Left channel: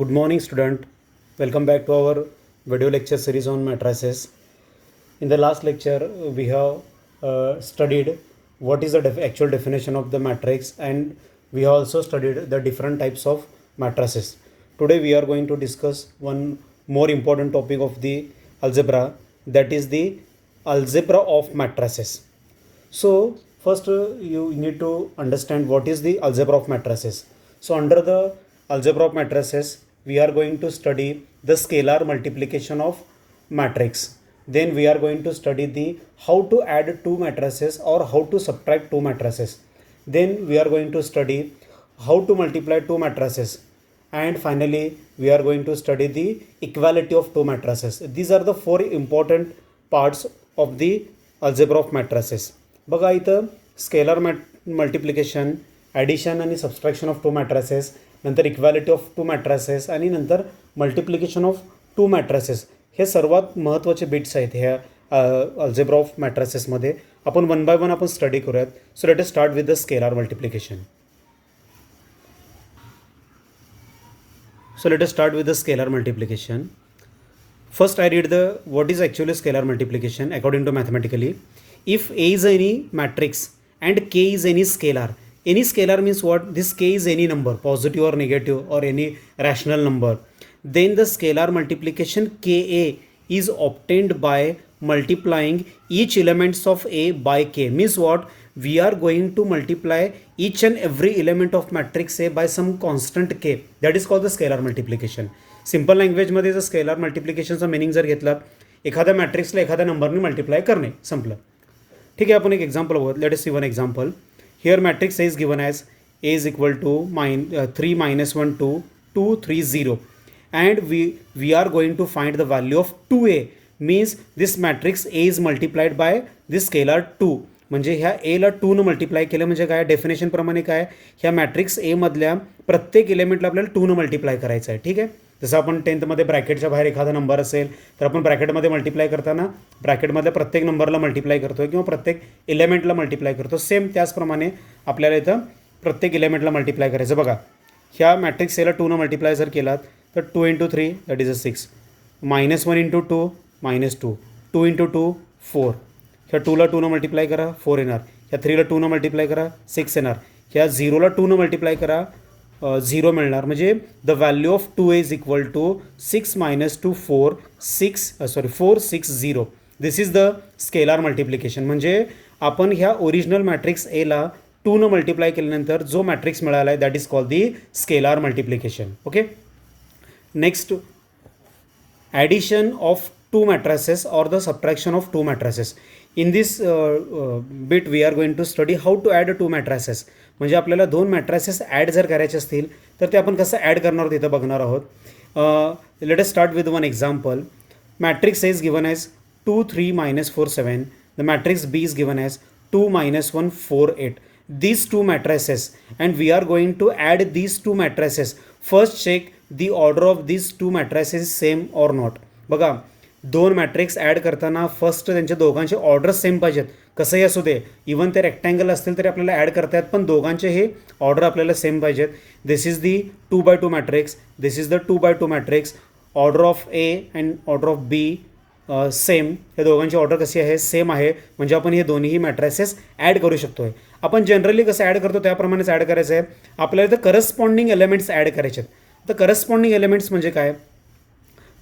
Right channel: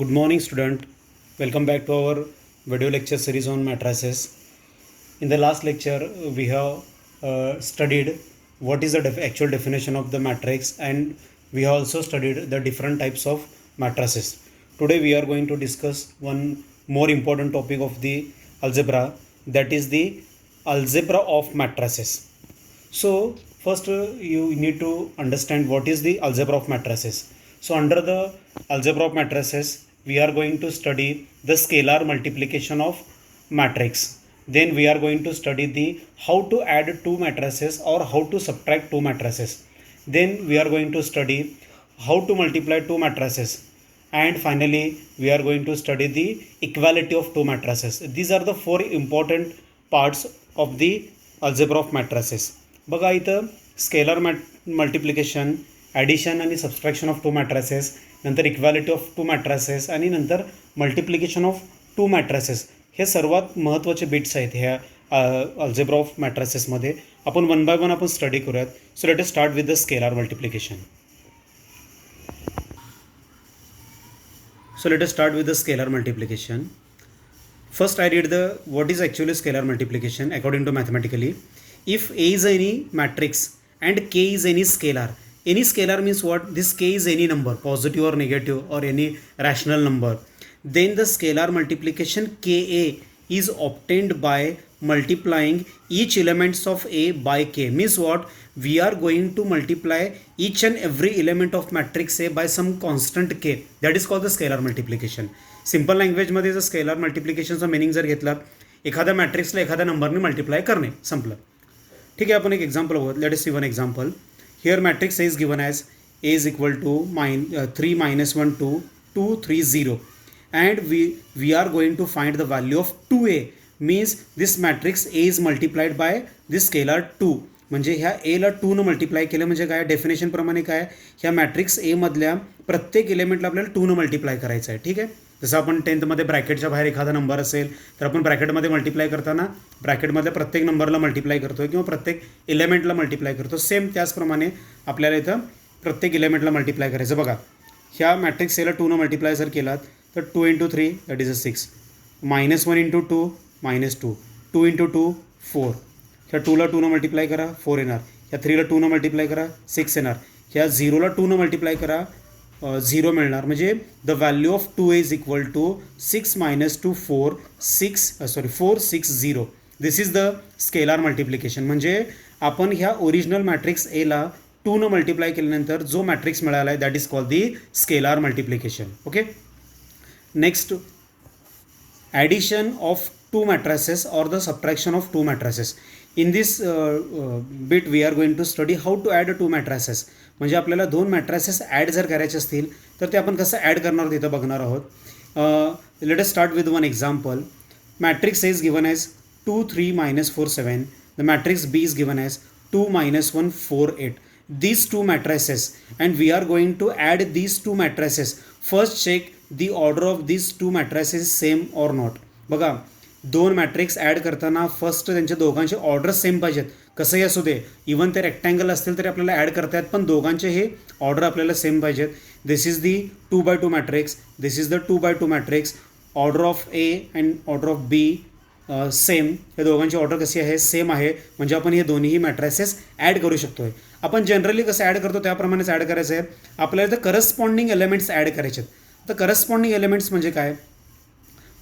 Good morning, student. Welcome back to our video lecture series on matrices. In the last lecture, we have studied what is the actual definition of the matrix, and we have also studied the different types of matrices. Today, we are going to discuss one more important topic of the algebra, that is the algebra of matrices. So, first you need to understand what is the algebra of matrices. So, under the algebra of matrices, we are going to study the scalar multiplication of matrix. Then we are going to study the how to add two matrices or how to subtract two matrices. Then we are going to study how to multiply two matrices. And finally, we are going to study the equality of two matrices. These are the four important parts of the algebra of matrices. बघा इथं scalar multiplication, addition आणि subtraction of two मॅट्रासेस, नंतर equality of two मॅट्रासेस आणि नंतर multiplication of two मॅट्रासेस, हे सर्वात महत्त्वाचे bits आहेत ह्या अल्जेब्रा ऑफ मॅट्रासेसमध्ये. आपण वन बाय वन आपण स्टडी करूयात. So let us start with the scalar multiplication. So let us start with the scalar multiplication. First I read the what is actually scalar multiplication according to mathematically. If A is any matrix and K is any scalar means what? This K is any number, positive or negative or any rational number. Then the scalar multiplication Ka is obtained by multiplying each elements of A by K. Means what? We are going to multiply each and every element of matrix A by some constant K. That is called the scalar multiplication. Simple लँग्वेजमध्ये जर scalar मल्टिप्लिकेशनचा meaning जर घेतला, एखाद्या मॅट्रिक्सला एखाद्या नंबरने multiply करणे, संपलं. ठीक आहे, आपण एक एक्झाम्पल बघूया. Let us see one example. Here matrix is given as A is equal to 3 minus 1 2 2 3 0 and we are going to find the value of 2A. means this matrix A is multiplied by this scalar 2. म्हणजे ह्या एला 2 multiply केलं म्हणजे काय? डेफिनेशनप्रमाणे काय? ह्या matrix ए मधल्या प्रत्येक एलिमेंटला आपल्याला 2 मल्टिप्लाय करायचं आहे. ठीक आहे, जसं आपण 10th ब्रॅकेटच्या बाहेर एखादा नंबर असेल तर आपण ब्रॅकेटमध्ये मल्टिप्लाय करताना ब्रॅकेटमधल्या प्रत्येक नंबरला मल्टिप्लाय करतो किंवा प्रत्येक एलिमेंटला मल्टिप्लाय करतो. सेम त्याचप्रमाणे आपल्याला इथं प्रत्येक एलिमेंटला मल्टिप्लाय करायचं. बघा, ह्या मॅट्रिक्स एला 2 मल्टिप्लाय जर केलात तर 2 × 3 दॅट इज अ 6, -1 × 2 -2, 2 × 2 4. ह्या 2ला 2 मल्टिप्लाय करा 4 येणार, ह्या 3ला 2 मल्टिप्लाय करा 6 येणार, ह्या 0ला 2 मल्टिप्लाय करा 0 मिळणार. म्हणजे the value of 2 is equal to 6 - 2 4 4 6 0. This is the scalar multiplication. म्हणजे आपण ह्या ओरिजिनल मॅट्रिक्स एला 2 मल्टिप्लाय केल्यानंतर जो मॅट्रिक्स मिळाला आहे that is called the scalar multiplication. Okay, next addition of two matrices or the subtraction of two matrices. In this bit we are going to study how to add two matrices. म्हणजे आपल्याला दोन मॅट्रासेस add जर करायचे असतील तर ते आपण कसं ॲड करणार आहोत इथं बघणार आहोत. Let us start with one example. Matrix is given as 2 3 -4 7. The matrix B is given as 2 - 1 4 8. These two matrices and we are going to add these two matrices. First check the order of these two matrices same or not. बघा, दोन matrix add करताना first त्यांच्या दोघांचे order same पाहिजेत. कसंही असू दे, even ते rectangle असतील तरी आपल्याला ॲड करता आहेत, पण दोघांचे हे ऑर्डर आपल्याला सेम पाहिजेत. This is the 2x2 matrix, this is the 2x2 matrix. Order of A and order of B same. या दोघांची ऑर्डर कशी आहे? सेम आहे. म्हणजे आपण हे दोन्ही मॅट्रिसेस ॲड करू शकतो आहे. आपण जनरली कसं ॲड करतो त्याप्रमाणेच ॲड करायचं आहे. आपल्याला इथं करस्पॉन्डिंग एलिमेंट्स ॲड करायचे आहेत. तर करस्पॉन्डिंग एलिमेंट्स म्हणजे काय?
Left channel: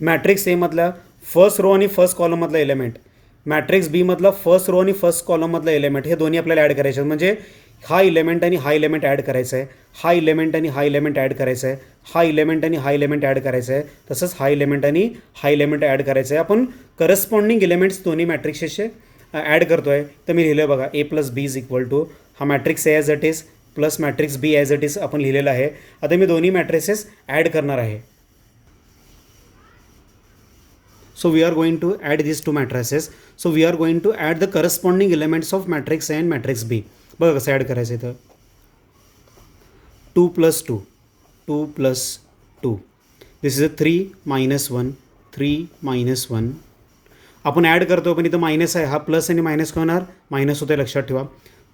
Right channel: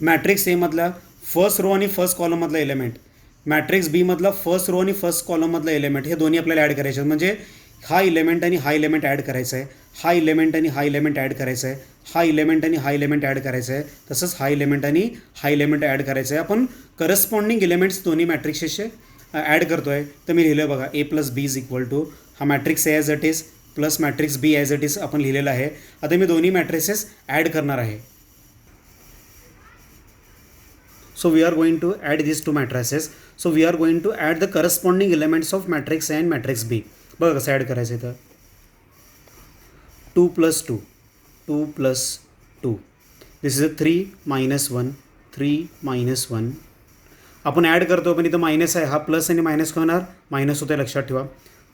मॅट्रिक्स एमधला फर्स्ट रो आणि फर्स्ट कॉलममधला एलिमेंट, मॅट्रिक्स बी मधला फर्स्ट रो आणि फर्स्ट कॉलममधला एलिमेंट, हे दोन्ही आपल्याला ॲड करायचे आहेत. म्हणजे हा इलेमेंट आणि हा इलेमेंट ॲड करायचा आहे, हा इलेमेंट आणि हा इलेमेंट ॲड करायचा आहे, हा इलेमेंट आणि हा इलेमेंट ॲड करायचा आहे, तसंच हा इलेमेंट आणि हा इलेमेंट ॲड करायचा आहे. आपण करस्पॉन्डिंग एलिमेंट्स दोन्ही मॅट्रिक्सचे ॲड करतो आहे. तर मी लिहिलं बघा, A + B is equal to हा matrix A as it is plus matrix B as it is आपण लिहिलेलं आहे. आता मी दोन्ही मॅट्रिसेस ॲड करणार आहे. So we are going to add these two matrices. So we are going to add the corresponding elements of matrix A and matrix B. बघा कसं add करायचं इथं. 2 + 2 2 + 2. दिस इज अ 3 - 1 3 - 1. आपण ॲड करतो पण इथं मायनस आहे, हा प्लस आणि मायनस काय होणार? मायनस होते, लक्षात ठेवा.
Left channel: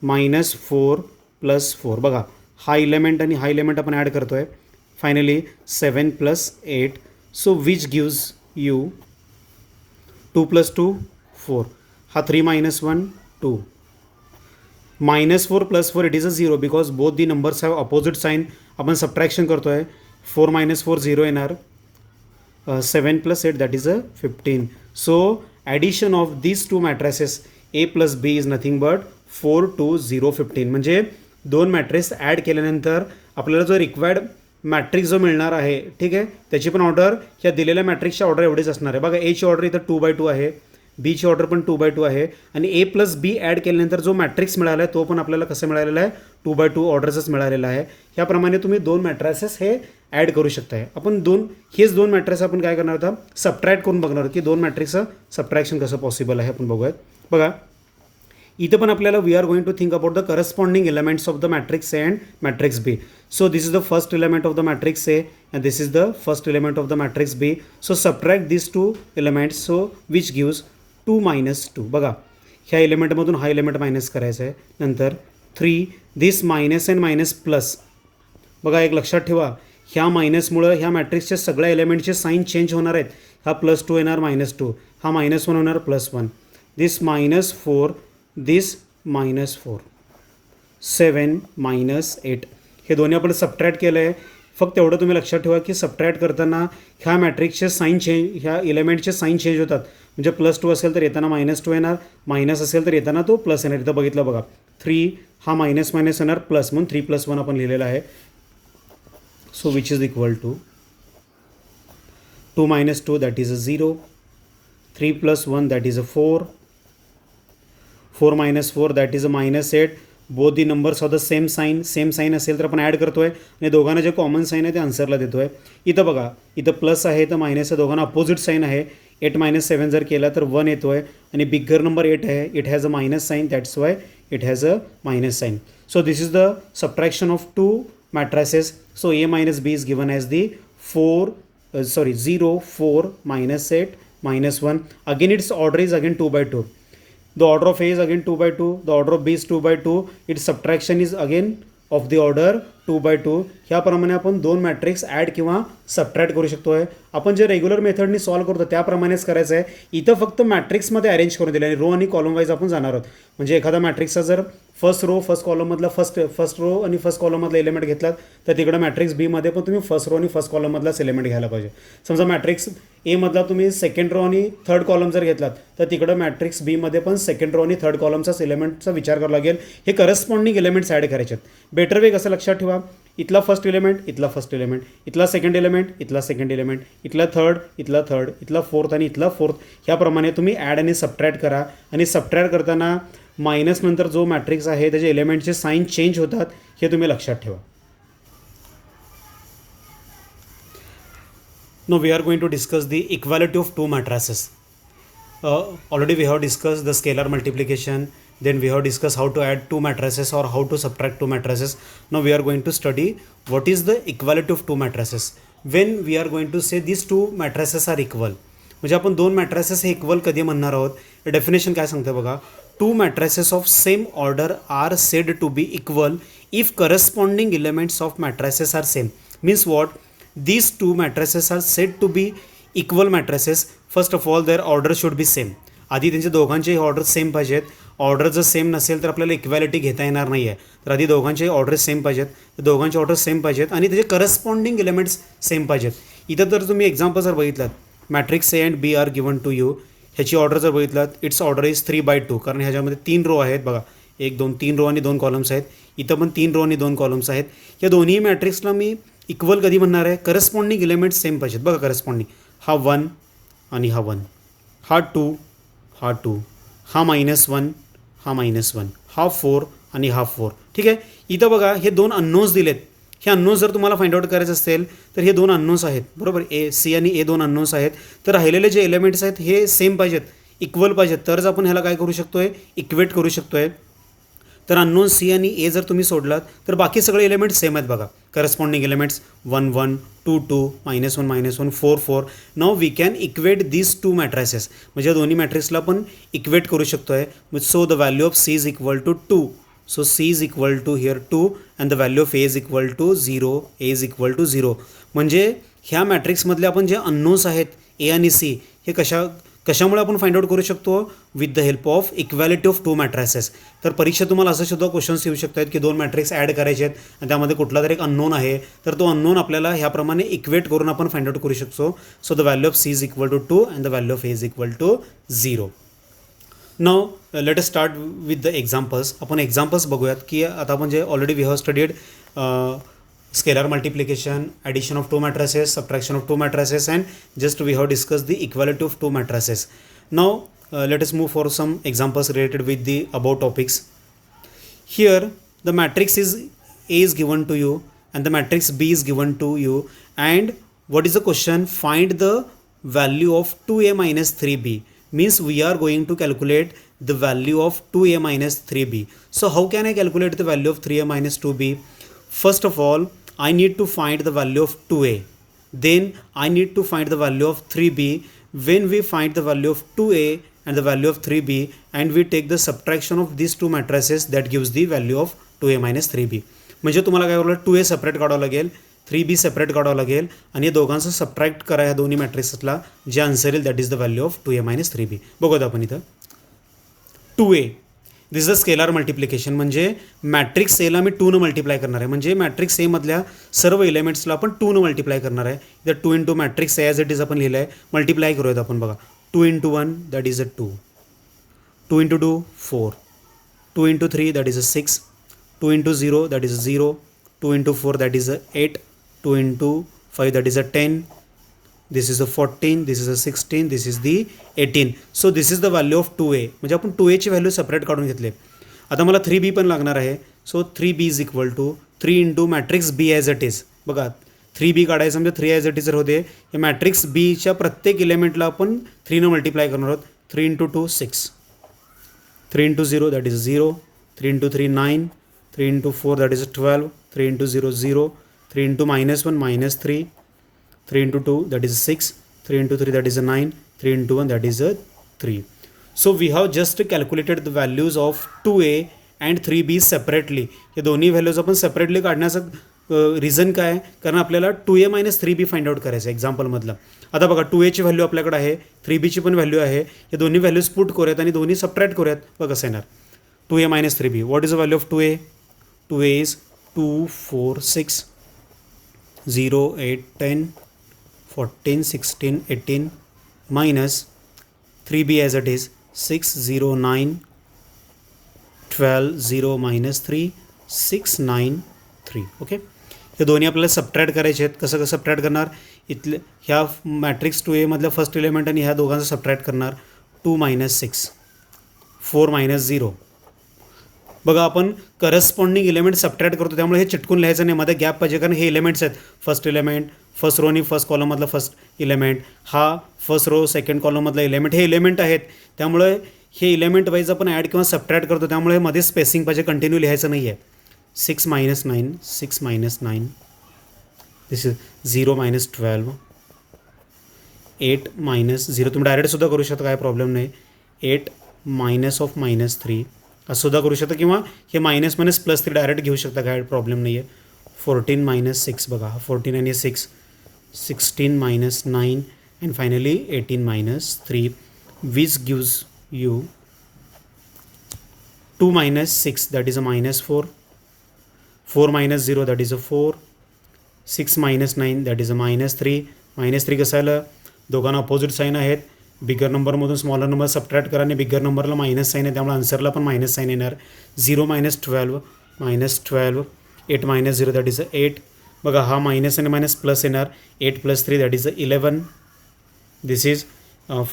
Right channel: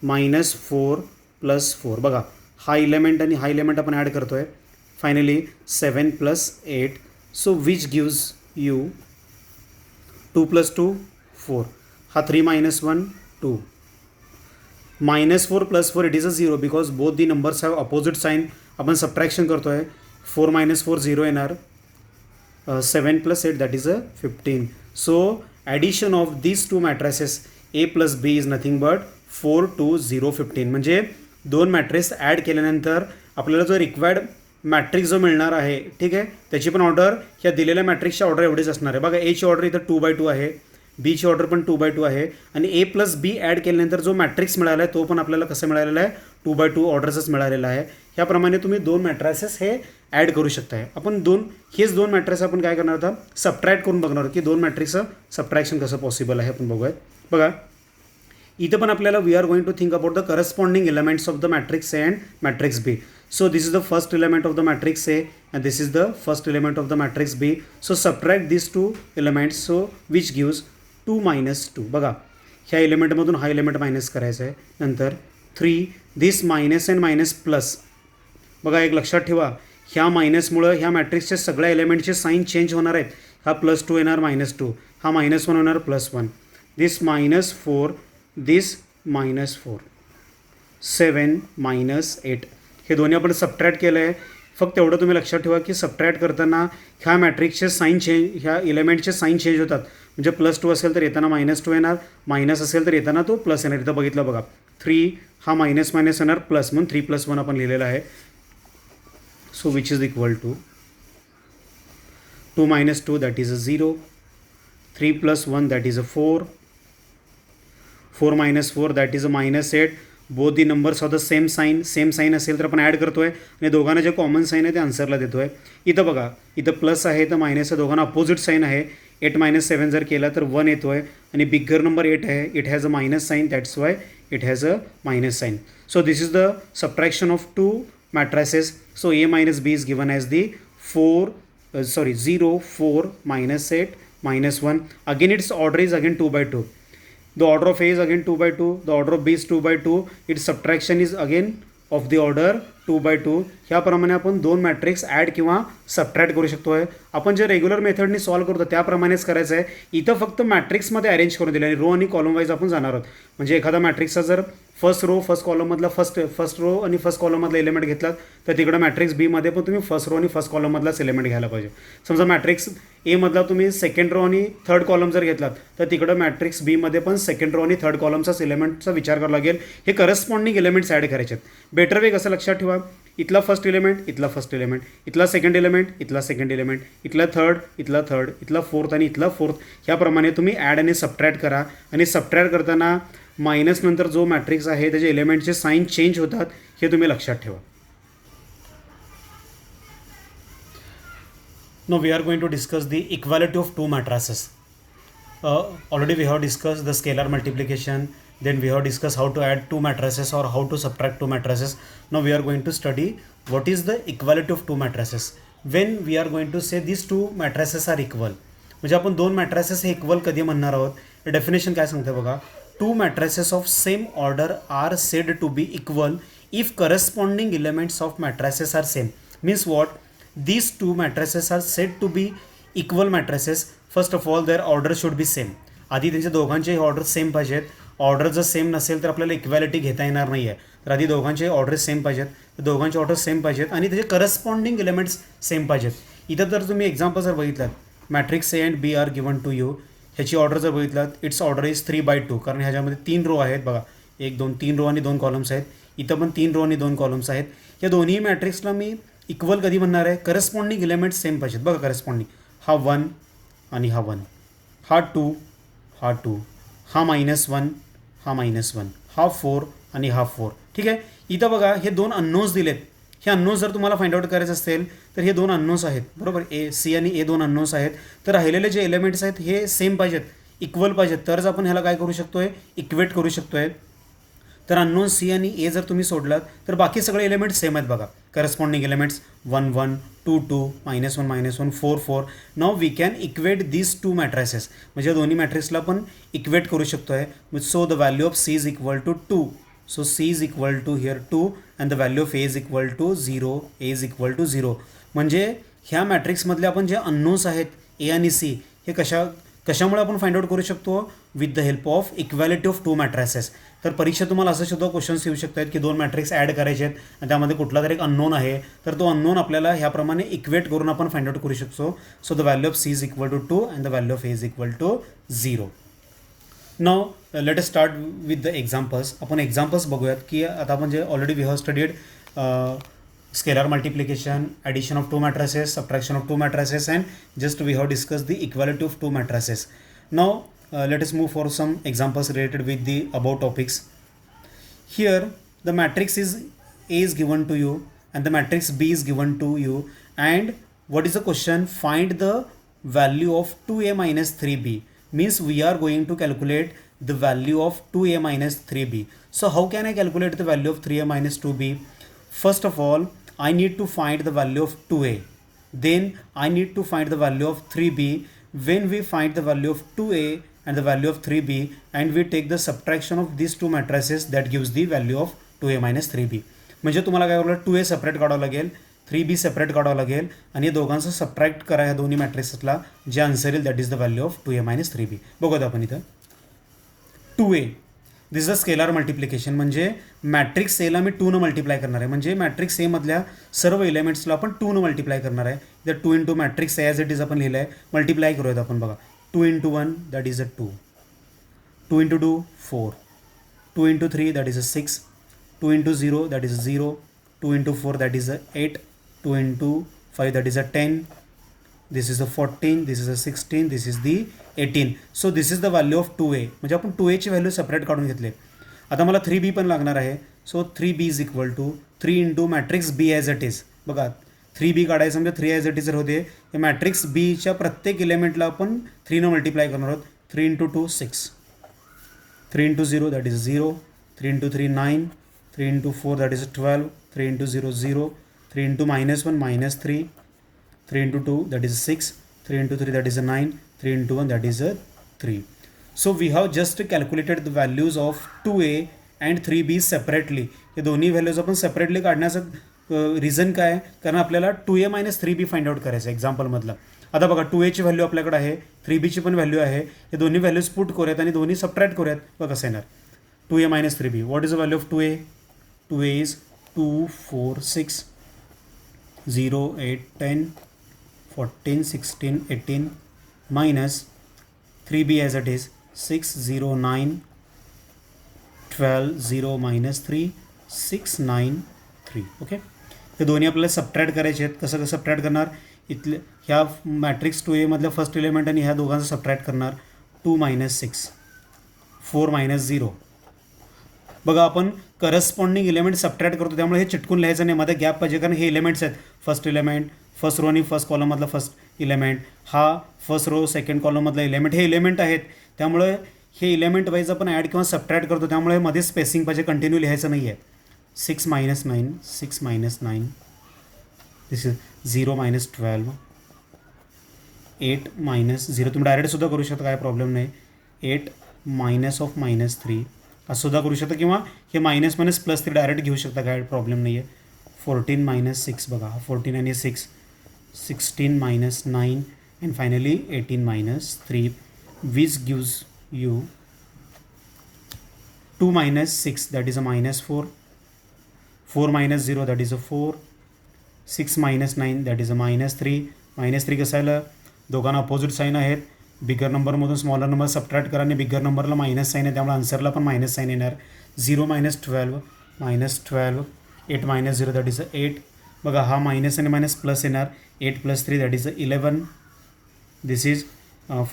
-4 + 4. बघा, हा इलेमेंट आणि हा इलेमेंट आपण ॲड करतो आहे. Finally 7 + 8. So which gives you 2 + 2 4. हा 3 - 1 2. -4 + 4 it is a 0 because both the numbers have opposite sign. आपण सबट्रॅक्शन करतो आहे. 4 - 4 0 येणार. 7 + 8 that is a 15. So addition of these two matrices A + B is nothing but 4 2 0 15. म्हणजे दोन matrix add केल्यानंतर आपल्याला जो रिक्वायर्ड मॅट्रिक्स जो मिळणार आहे, ठीक आहे, त्याची पण ऑर्डर ह्या दिलेल्या मॅट्रिक्सची ऑर्डर एवढीच असणार आहे. बघा Aची ऑर्डर इथं 2/2 आहे, Bची ऑर्डर पण 2/2 आहे आणि A + B ॲड केल्यानंतर जो मॅट्रिक्स मिळाला आहे तो पण आपल्याला कसं मिळालेला आहे, 2/2 ऑर्डर्सच मिळालेला आहे. ह्याप्रमाणे तुम्ही दोन मॅट्रिसेस हे ॲड करू शकताय. आपण हेच दोन मॅट्रिक्स आपण काय करणार आता, सबट्रॅक्ट करून बघणार की दोन मॅट्रिक्सचं सबट्रॅक्शन कसं पॉसिबल आहे आपण बघूयात. बघा इथं पण आपल्याला we are going to think about the corresponding elements of the matrix A and matrix B. So this is the first element of the matrix A and this is the first element of the matrix B. So subtract these two elements, so which gives 2 - 2. बघा ह्या एलिमेंटमधून हा element minus करायचा आहे. नंतर 3 दिस minus and minus plus. बघा एक लक्षात ठेवा, ह्या मायनसमुळं ह्या मॅट्रिक्सच्या सगळ्या एलिमेंटचे साईन चेंज होणार आहेत. हा +2 येणार -2, हा -1 होणार +1. दिस -4 दिस -4. 7 - 8 हे दोन्ही आपण सबट्रॅक्ट केलं आहे. फक्त एवढं तुम्ही लक्षात ठेवा की सबट्रॅक्ट करताना ह्या मॅट्रिक्सचे साईन चेंज, ह्या एलिमेंटचे साईन चेंज होतात. म्हणजे +2 असेल तर येताना -2 येणार, मायनस असेल तर येताना तो प्लस येणार. इथं बघितलं बघा 3 हा मायनस येणार प्लस, म्हणून 3 + 1 आपण लिहिलेलं आहे. So which is equal to 2 - 2 that is a 0, 3 + 1 that is a 4, 4 - 4 that is a -8. Both the numbers of the same sign असेल तर आपण ॲड करतो आहे आणि दोघांना जे कॉमन साईन आहे ते आन्सरला देतो आहे. इथं बघा इथं प्लस आहे तर मायनस आहे, दोघांना अपोजिट साईन आहे. 8 - 7 जर केला तर 1 येतो आहे आणि बिगर नंबर 8 आहे, it has a minus sign, that's why it has a minus sign. So this is the subtraction of two matrices. So A - B is given as the 0 4 -8 -1. Again its order is again 2/2. The order of A is again 2/2. The order of B is 2/2. Its subtraction is again of the order 2/2. ह्याप्रमाणे आपण दोन matrix add किंवा subtract करू शकतो आहे. आपण जे regular मेथडनी solve करतो त्याप्रमाणेच करायचं आहे. इथं फक्त मॅट्रिक्समध्ये अरेंज करून दिले आणि रो आणि कॉलम वाईज आपण जाणार आहोत. म्हणजे एखादा मॅट्रिक्सचा जर फर्स्ट रो फर्स्ट कॉलममधला फर्स्ट रो आणि फर्स्ट कॉलममधला एलिमेंट घेतलात तर तिकडं मॅट्रिक्स बीमध्ये पण तुम्ही फर्स्ट रो आणि फर्स्ट कॉलममधलाच एलिमेंट घ्यायला पाहिजे. समजा मॅट्रिक्स एमधला तुम्ही सेकंड रो आणि थर्ड कॉलम जर घेतलात तर तिकडं मॅट्रिक्स बीमध्ये पण सेकंड रो आणि थर्ड कॉलमचाच एलिमेंटचा विचार करावा लागेल. हे करस्पॉन्डिंग एलिमेंट्स ॲड करायचे आहेत. बेटर वे कसं लक्षात ठेवा, इथला फर्स्ट एलिमेंट, इथला फर्स्ट एलिमेंट, इथला सेकंड एलिमेंट, इथला सेकंड एलिमेंट, इथला थर्ड, इथला फोर्थ आणि इथला फोर्थ. ह्याप्रमाणे तुम्ही ॲड आणि सबट्रॅक्ट करा आणि सबट्रॅक्ट करताना मायनस नंतर जो मॅट्रिक्स आहे त्याचे एलिमेंटचे साईन चेंज होतात हे तुम्ही लक्षात ठेवा. Now we are going to discuss the equality of two matrices. Already we have discussed the scalar multiplication, then we have discussed how to add two matrices or how to subtract two matrices. Now we are going to study what is the equality of two matrices. When we are going to say these two matrices are equal, म्हणजे आपण दोन matrices हे equal कधी म्हणणार आहोत. Definition काय सांगते बघा, two matrices of same order are said to be equal if corresponding elements of matrices are same. Means what, these two matrices are said to be equal matrices. First of all their order should be same. आधी त्यांचे दोघांचे order same पाहिजेत. Order जर same नसेल तर आपल्याला equality घेता येणार नाही आहे. तर आधी दोघांचे ऑर्डर सेम पाहिजेत, दोघांचे ऑर्डर सेम पाहिजेत आणि त्याचे करस्पॉन्डिंग एलिमेंट्स सेम पाहिजेत. इथं जर तुम्ही एक्झाम्पल जर बघितलात, matrix A and B are given to you, ह्याची ऑर्डर जर बघितलात, इट्स ऑर्डर इज 3/2. कारण ह्याच्यामध्ये 3 रो आहेत बघा, 1 2 3 रो आणि 2 कॉलम्स आहेत. इथं पण 3 रो आणि 2 कॉलम्स आहेत. या दोन्ही मॅट्रिक्सला मी इक्वल कधी म्हणणार आहे, करस्पॉन्डिंग एलिमेंट्स सेम पाहिजेत. बघा करस्पॉन्डिंग, हा 1 आणि हा 1, हा 2 हा 2, हा -1 हा -1, हा 4 आणि हा 4. ठीक आहे. इथं बघा हे दोन अननोन्स दिलेत. हे अननोन्स जर तुम्हाला फाइंड आउट करायचं असेल तर हे दोन अननोन्स आहेत बरोबर. सी आणि ए दोन अननोन्स आहेत. तर राहिलेले जे एलिमेंट्स आहेत हे सेम पाहिजेत, इक्वल पाहिजेत, तरच आपण ह्याला काय करू शकतो आहे, इक्वेट करू शकतो आहे. तर अननोन सी आणि ए जर तुम्ही सोडलात तर बाकी सगळे एलिमेंट्स सेम आहेत बघा. Corresponding elements 1 1 2 2 -1 4 4. Now we can equate these two matrices. म्हणजे दोन्ही मॅट्रिक्सला पण इक्वेट करू शकतो आहे. So the value of C is equal to 2. So C is equal to here 2 and the value of A is equal to 0, A is equal to 0. म्हणजे ह्या मॅट्रिक्समधले आपण जे अननोन्स आहेत ए आणि सी हे कशामुळे आपण फाइंड आउट करू शकतो with the help of equality of two matrices. तर परीक्षा तुम्हाला असं सुद्धा क्वेश्चन्स येऊ शकतात की दोन मॅट्रिक्स ॲड करायचे आहेत आणि त्यामध्ये कुठला तरी एक अननोन आहे, तर तो अननोन आपल्याला ह्याप्रमाणे इक्वेट करून आपण फाइंड आउट करू शकतो. So the value of C is equal to 2 and the value of A is equal to 0. Now let us start with the examples. आपण एक्झाम्पल्स बघूयात की आता आपण जे already we have studied scalar multiplication, addition of two matrices, subtraction of two matrices, and just we have discussed the equality of two matrices. Now let us move for some examples related with the above topics. Here the matrix is A is given to you and the matrix B is given to you, and what is the question? Find the value of 2A minus 3B. Means we are going to calculate the value of 2A minus 3B. So how can I calculate the value of 3A minus 2B? First of all, I need to find the value of 2A. Then I need to find the value of 3B. When we find the value of 2A and the value of 3B and we take the subtraction of these two matrices, that gives the value of 2A minus 3B. म्हणजे तुम्हाला काय करावं, 2A separate काढावं लागेल, 3B separate काढावं लागेल आणि या दोघांचं सबट्रॅक्ट करा ह्या दोन्ही मॅट्रिसेसला, जे आन्सर येईल that is the value of 2A minus 3B. बघूयात आपण इथं 2A this is a scalar multiplication. म्हणजे मॅट्रिक्स एला मी 2 मल्टिप्लाय करणार आहे, म्हणजे मॅट्रिक्स ए मधल्या सर्व एलिमेंट्सला आपण 2 मल्टिप्लाय करणार आहे. इथं 2 into matrix A as it is आपण लिहिलं आहे, मल्टिप्लाय करूयात आपण. बघा 2 into 1 that is a 2, 2 into 2 4, 2 into 3 that is a 6, 2 into 0 that is a 0, 2 into 4 that is a 8, 2 into 5 that is a 10, this is the 14, this is the 16, this is the 18. So this is the value of 2A. म्हणजे आपण 2A ची value separate काढून घेतले. आता मला 3B पण लागणार आहे. So 3B is equal to 3 into matrix B as it is. बघा 3B काढायचं म्हणजे 3 ॲज इट इज जर होते, हे मॅट्रिक्स बीच्या प्रत्येक एलिमेंटला आपण 3 मल्टिप्लाय करणार आहोत. 3 into 2 6, 3 into 0 that is 0, 3 into 3 9, 3 into 4 that is 12, 3 into 0 0, 3 into -1 -3, 3 into 2 that is 6, 3 into 3 that is a 9, 3 into 1 that is a 3. So we have just calculated the values of 2A and 3B separately. हे दोन्ही values आपण separately काढण्याचं reason काय, कारण आपल्याला 2A minus 3B find out करायचं आहे एक्झाम्पलमधलं. आता बघा 2Aची व्हॅल्यू आपल्याकडे आहे, 3Bची पण व्हॅल्यू आहे. हे दोन्ही व्हॅल्यूज पुट करूयात आणि दोन्ही सबट्रॅक्ट करूयात. बघा कसं येणार 2A minus 3B. What is the value of 2A? 2A is 2 4 6 0 8 10 14 16 18 minus 3B as it is 6 0 9 12 0 minus 3 6 9 3. Okay, हे दोन्ही आपल्याला सबट्रॅक्ट करायचे आहेत. कसं सबट्रॅक्ट करणार, इथले ह्या मॅट्रिक्स 2A मधलं फर्स्ट एलिमेंट आणि ह्या दोघांचं सबट्रॅक्ट करणार. 2 minus 6 4 minus 0. बघा आपण करस्पॉन्डिंग एलिमेंट सबट्रॅक्ट करतो, त्यामुळे हे चिटकून लिहायचं नाही, मध्ये गॅप पाहिजे, कारण हे एलिमेंट्स आहेत. फर्स्ट एलिमेंट फर्स्ट रो आणि फर्स्ट कॉलममधला फर्स्ट एलिमेंट, हा फर्स्ट रो सेकंड कॉलममधला एलिमेंट, हे एलिमेंट आहेत. त्यामुळे हे एलिमेंट वाईज आपण ॲड किंवा सबट्रॅक्ट करतो, त्यामुळे मध्ये स्पेसिंग पाहिजे, कंटिन्यू लिहायचं नाही आहे. 6 minus 9 6 minus 9 this is 0 minus 12 8 minus 0. तुम्ही डायरेक्टसुद्धा करू शकता, काय प्रॉब्लेम नाही. 8 minus of -3 असं सुद्धा करू शकता, किंवा हे मायनस मायनस प्लस 3 डायरेक्ट घेऊ शकता, काय प्रॉब्लेम नाही आहे. 14 minus 6 बघा, 14 आणि 6 16 minus 9 and finally 18 minus 3 which gives you 2 minus 6 that is a -4, 4 minus 0 that is a 4, 6 minus 9 that is a -3. -3 कसं आलं, दोघांना अपोजिट साईन आहेत. बिगर नंबरमधून स्मॉलर नंबर सबट्रॅक्ट करा आणि बिगर नंबरला मायनस साईन आहे, त्यामुळे आन्सरला पण मायनस साईन येणार. 0 minus 12 -12, 8 minus 0 that is a 8. बघा हा मायनस आणि मायनस प्लस येणार. 8 + 3 that is a 11. This is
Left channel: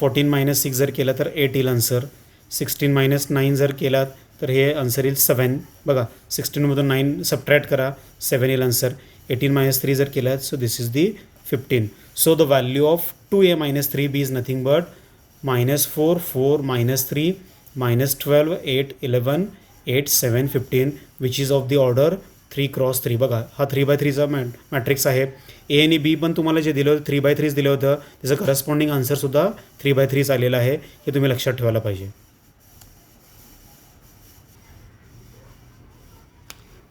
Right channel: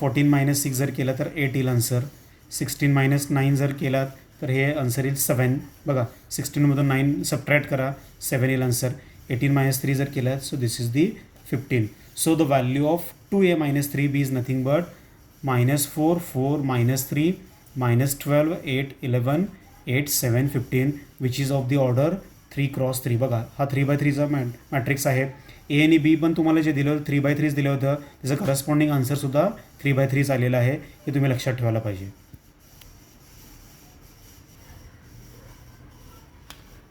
14 minus 6 जर केला तर 8 येईल आन्सर. 16 minus 9 जर केला तर हे आन्सर येईल 7. बघा 16मधून 9 सबट्रॅक्ट करा, 7 येईल आन्सर. 18 minus 3 जर केला, so this is the 15. So the value of 2A minus 3B is nothing but -4 4 -3 -12 8 11 8 7 15, which is of the order 3×3. बघा हा 3×3चा मॅट्रिक्स आहे. ए आणि बी पण तुम्हाला जे दिलं होतं 3×3 दिलं होतं, त्याचं करस्पॉन्डिंग आन्सरसुद्धा 3×3 आलेलं आहे, हे तुम्ही लक्षात ठेवायला पाहिजे.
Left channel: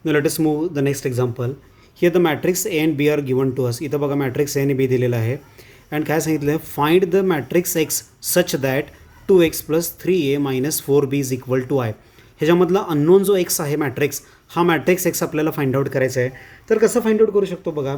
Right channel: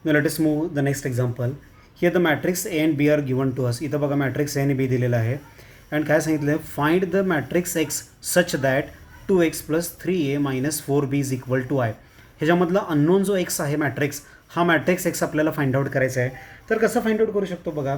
Now let us move the next example. Here the matrix A and B are given to us. इथं बघा मॅट्रिक्स A आणि B दिलेला आहे अँड काय सांगितलं आहे, find the matrix X such that 2x + 3a - 4b is equal to I. ह्याच्यामधला unknown जो एक्स आहे मॅट्रिक्स, हा मॅट्रिक्स एक्स आपल्याला फाइंड आउट करायचा आहे. तर कसं फाइंड आउट करू शकतो बघा,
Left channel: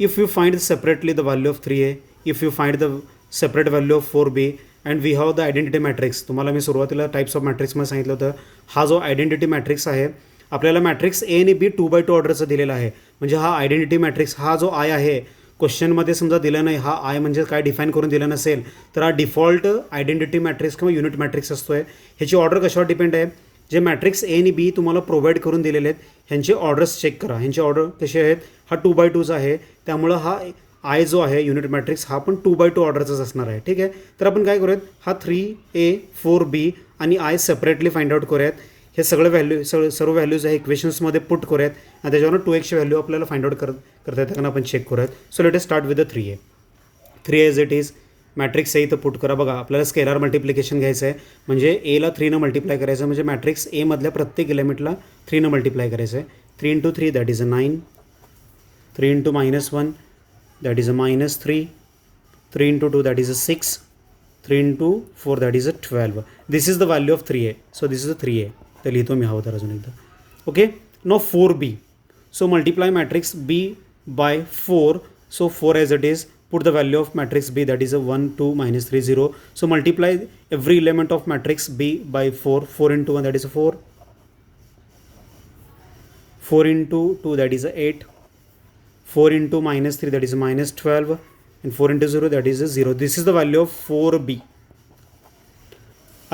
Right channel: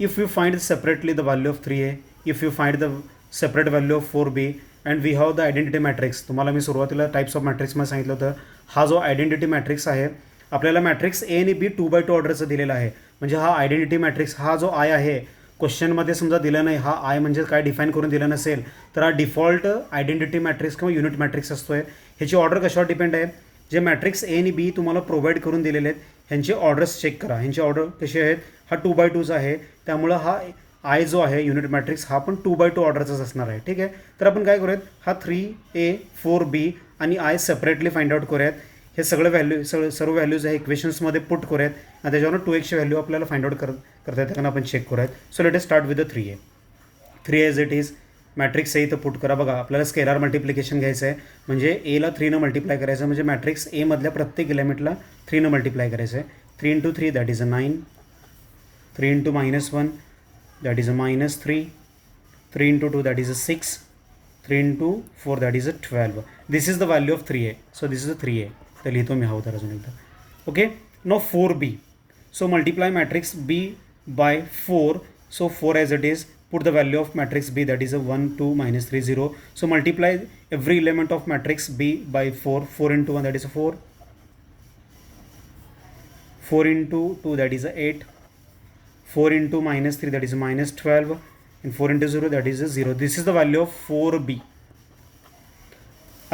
if you find separately the value of 3a, if you find the separate value of 4b and we have the identity matrix. तुम्हाला मी सुरुवातीला टाईप्स ऑफ मॅट्रिक्समध्ये सांगितलं होतं, हा जो आयडेंटिटी मॅट्रिक्स आहे आपल्याला मॅट्रिक्स ए आणि बी 2x2 ऑर्डरचं दिलेला आहे. म्हणजे हा आयडेंटिटी मॅट्रिक्स, हा जो आय आहे क्वेश्चनमध्ये समजा दिला नाही, हा आय म्हणजे काय डिफाईन करून दिलं नसेल तर हा डिफॉल्ट आयडेंटिटी मॅट्रिक्स किंवा युनिट मॅट्रिक्स असतो आहे. ह्याची ऑर्डर कशावर डिपेंड आहे, जे मॅट्रिक्स ए आणि बी तुम्हाला प्रोव्हाइड करून दिलेले आहेत ह्यांचे ऑर्डर्स चेक करा. ह्यांची ऑर्डर कशी आहेत, हा 2x2चा आहे, त्यामुळं हा आय जो आहे युनिट मॅट्रिक्स हा पण 2x2 ऑर्डरचाच असणार आहे. ठीक आहे, तर आपण काय करूयात, हा 3a 4b आणि आय सेपरेटली फाइंड आउट करूयात. हे सगळं सर्व व्हॅल्यूज आहे इक्वेशन्समध्ये पुट करूयात आणि त्याच्यावर 2x ची व्हॅल्यू आपल्याला फाइंड आउट करता येतं कारण आपण चेक करूयात. So let us start with the 3a as it is. Matrix A इथं पुट करा. बघा आपल्याला स्केलार मल्टिप्लिकेशन घ्यायचं आहे, म्हणजे एला 3 मल्टिप्लाय करायचं आहे, म्हणजे मॅट्रिक्स ए मधल्या प्रत्येक एलिमेंटला 3 मल्टिप्लाय करायचं आहे. 3 × 3 that is a 9, 3 × -1 that is a -3, 3 × 2 that is a 6, 3 × 4 that is a 12. This is the value of 3a. So this is a 3a. तर लिहितो मी हा तर अजून एकदा. Okay, now 4b. So multiply matrix b by 4. So 4 as it is. Put the value of matrix B, that is a 1 2 -3 0. So multiply every element of matrix B by 4. 4 × 1 that is a 4. 4 × 2 that is a 8. 4 × -3 that is a -12. And 4 × 0 that is a 0. This is the value of 4b.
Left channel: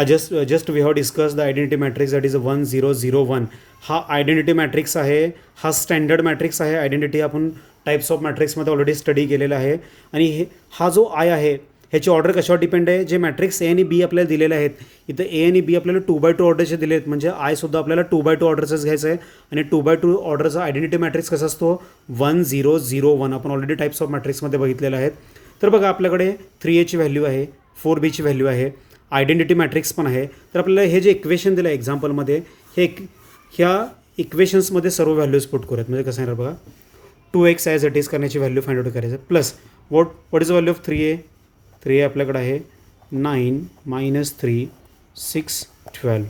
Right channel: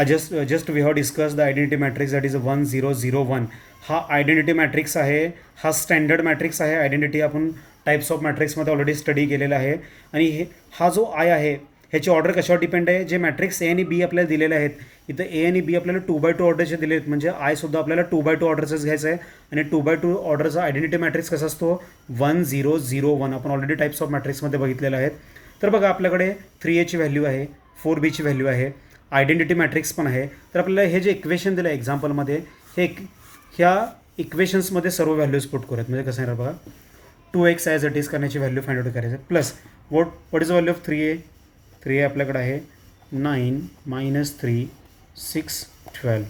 Just we have discussed the identity matrix that is a 1 0 0 1. हा identity matrix आहे, हा standard matrix आहे. Identity आपण types of मॅट्रिक्समध्ये already study केलेला आहे. आणि हा जो आय आहे ह्याची ऑर्डर कशावर डिपेंड आहे, जे मॅट्रिक्स ए आणि बी आपल्याला दिलेले आहेत, इथं ए आणि बी आपल्याला 2x2 ऑर्डरचे दिले आहेत, म्हणजे आयसुद्धा आपल्याला 2x2 ऑर्डरचंच घ्यायचं आहे. आणि 2x2 ऑर्डरचा आयडेंटिटी मॅट्रिक्स कसा असतो, 1 0 0 1. आपण ऑलरेडी टाईप्स ऑफ मॅट्रिक्समध्ये बघितलेलं आहे. तर बघा आपल्याकडे 3a ची व्हॅल्यू आहे, 4b ची व्हॅल्यू आहे, आयडेंटिटी मॅट्रिक्स पण आहे. तर आपल्याला हे जे इक्वेशन दिलं आहे एक्झाम्पलमध्ये, हे ह्या इक्वेशन्समध्ये सर्व व्हॅल्यूज पुट करूयात. म्हणजे कसं आहे बघा, 2x ॲज इट इज करण्याची व्हॅल्यू फाइंड आउट करायचं plus what is the value of 3a आपल्याकडे आहे 9 -3 6 12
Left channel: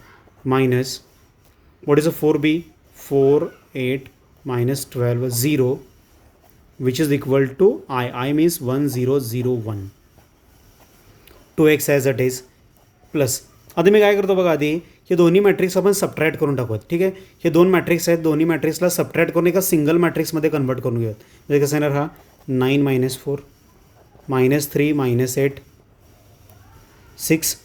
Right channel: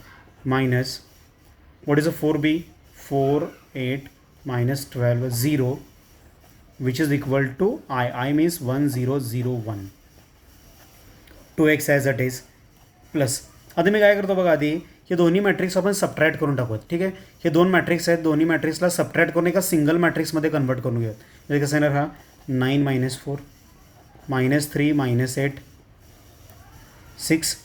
minus what is a 4b 4 8 -12 0 which is equal to I means 1 0 0 1. 2x as it is plus. आता मी काय करतो बघा, आधी हे दोन्ही मॅट्रिक्स आपण सबट्रॅक्ट करून टाकूत. ठीक आहे, हे दोन मॅट्रिक्स आहेत, दोन्ही मॅट्रिक्सला सबट्रॅक्ट करून एका सिंगल मॅट्रिक्समध्ये कन्वर्ट करून घेऊयात. म्हणजे कसं येणार, हा 9 -4 -3 -8 6.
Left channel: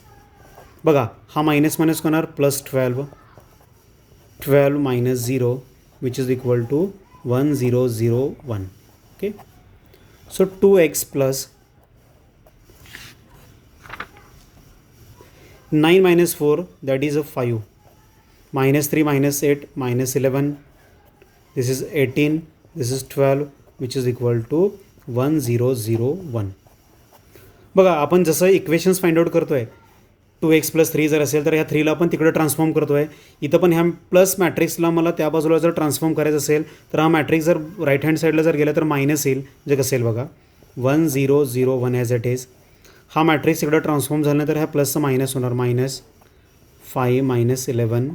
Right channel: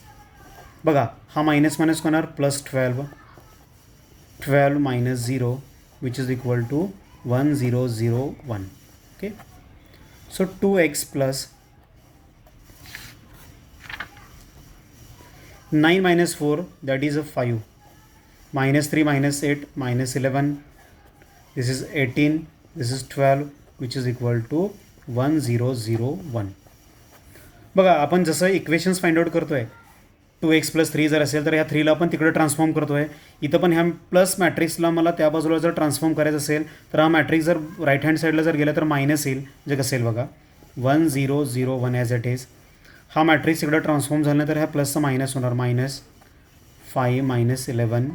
बघा हा मायनस होणार +12 12 -0 which is equal to 1 0 0 1. Okay, so 2x plus 9 -4 that is a 5 -3 -8 -11. This is 18, this is 12 which is equal to 1 0 0 1. बघा आपण जसं इक्वेशन्स फाइंड आउट करतोय, 2x + 3 जर असेल तर ह्या 3ला आपण तिकडे ट्रान्सफॉर्म करतोय. इथं पण ह्या प्लस मॅट्रिक्सला मला त्या बाजूला जर ट्रान्सफॉर्म करायचं असेल तर हा मॅट्रिक्स जर राईट हँड साईडला जर गेला तर मायनस येईल. म्हणजे कसं येईल बघा, 1 0 0 1 ॲज इट इज. हा मॅट्रिक्स इकडे ट्रान्सफॉर्म झाला तर ह्या प्लसचं मायनस होणार, -5 -11